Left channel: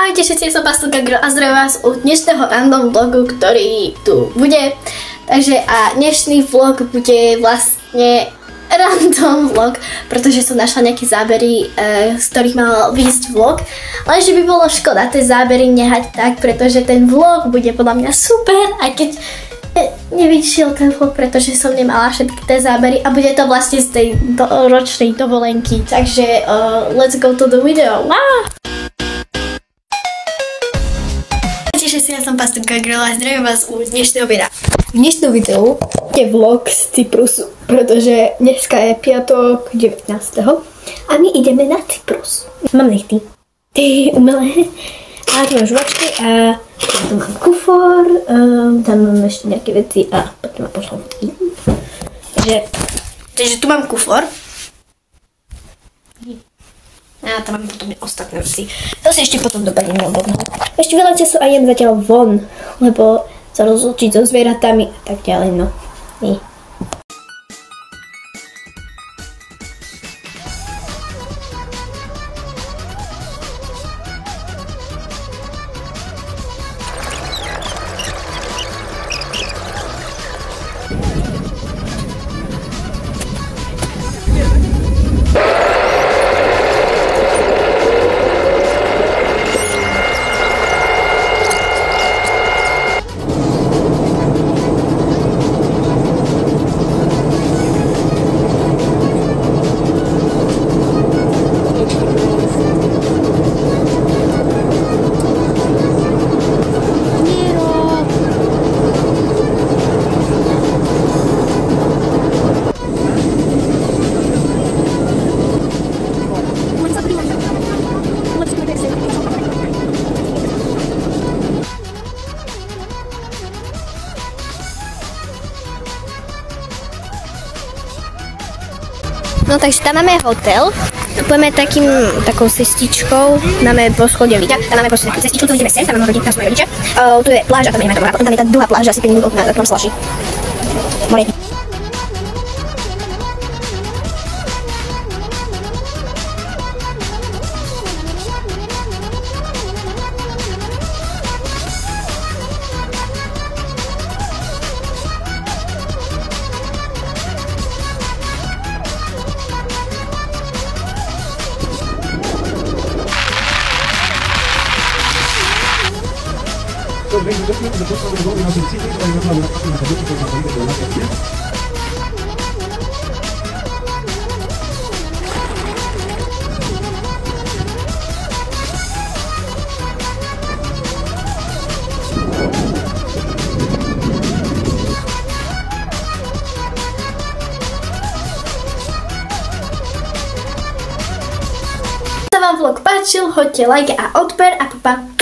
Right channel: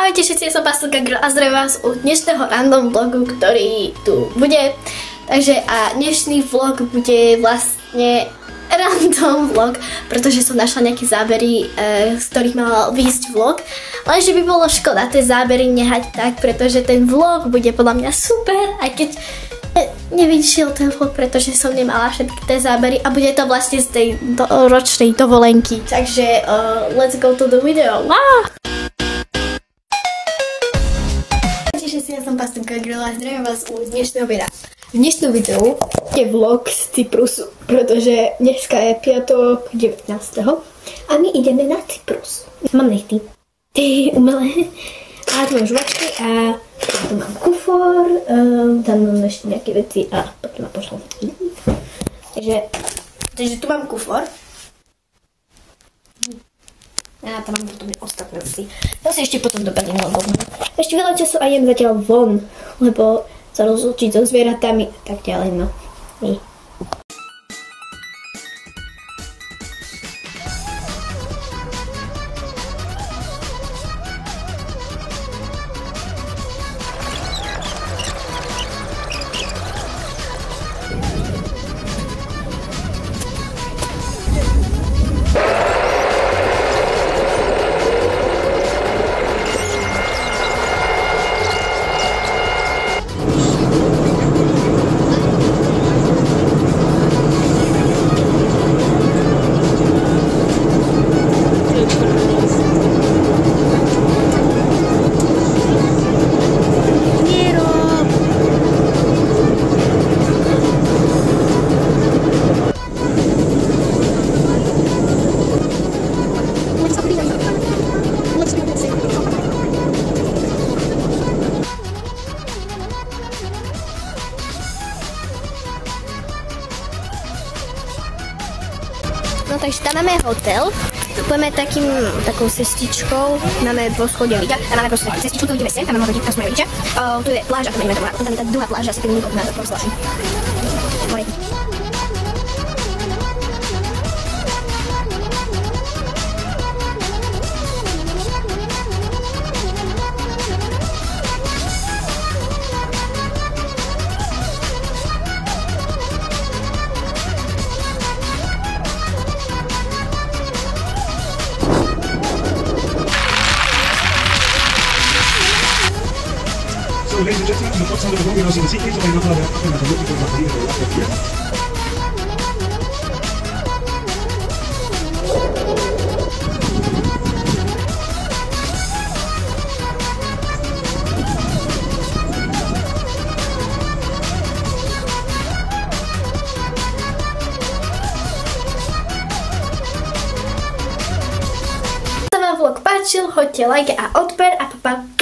Ahojte všetci, ja som Pastelka Girl a zdravím vás u dnešného random vlogu, ktorý tu bude. Takže a dnešný vlog bude vlastne random vlog, pretože som našla nejaké zábery, z ktorých mal výjsť vlog. Lenže by bolo škoda tie zábery nehať tak, pretože ten vlog bude podľa mňa super, aj keď nevyšiel ten vlog, pretože som nemala všetky tie zábery a bude to vlastne z tej ročnej dovolenky. Takže let's go to the video. Ja som Pastelka Girl a zdravím vás u dnešného videa. V dnešnom videu je vlog z Cyprusu, pretože dneska je piatok 19. a my ideme na Cyprus. Mám nechty. Ty umelé. A tu mám žuvačky a tu mám kufor, tam mám ešte nejaké veci a potom mám pošlom fotky. Takže tu mám kufor. A tam mám potom ostatné veci. To si ešte potom dopadnem na obodnú. Ešte veľa času a jem zatiaľ von, lebo sa rozlučiť so zvieratami a tak ďalej, no. Nie. No takže tam máme hotel, pôjdeme takou cestičkou, máme poschodie ľudia, tam máme proste takú cestičku, tu ideme sem, tam máme rodinka, sme rodičia, tu je pláža, tam ideme tam, potom tam je tá druhá pláža, asi 5 minút na slaši. More. Ladies and gentlemen, the first time we're going to see the secret of the world, I'm going to look for my video the last year. Vlog páčil, hoďte like a odber a papa.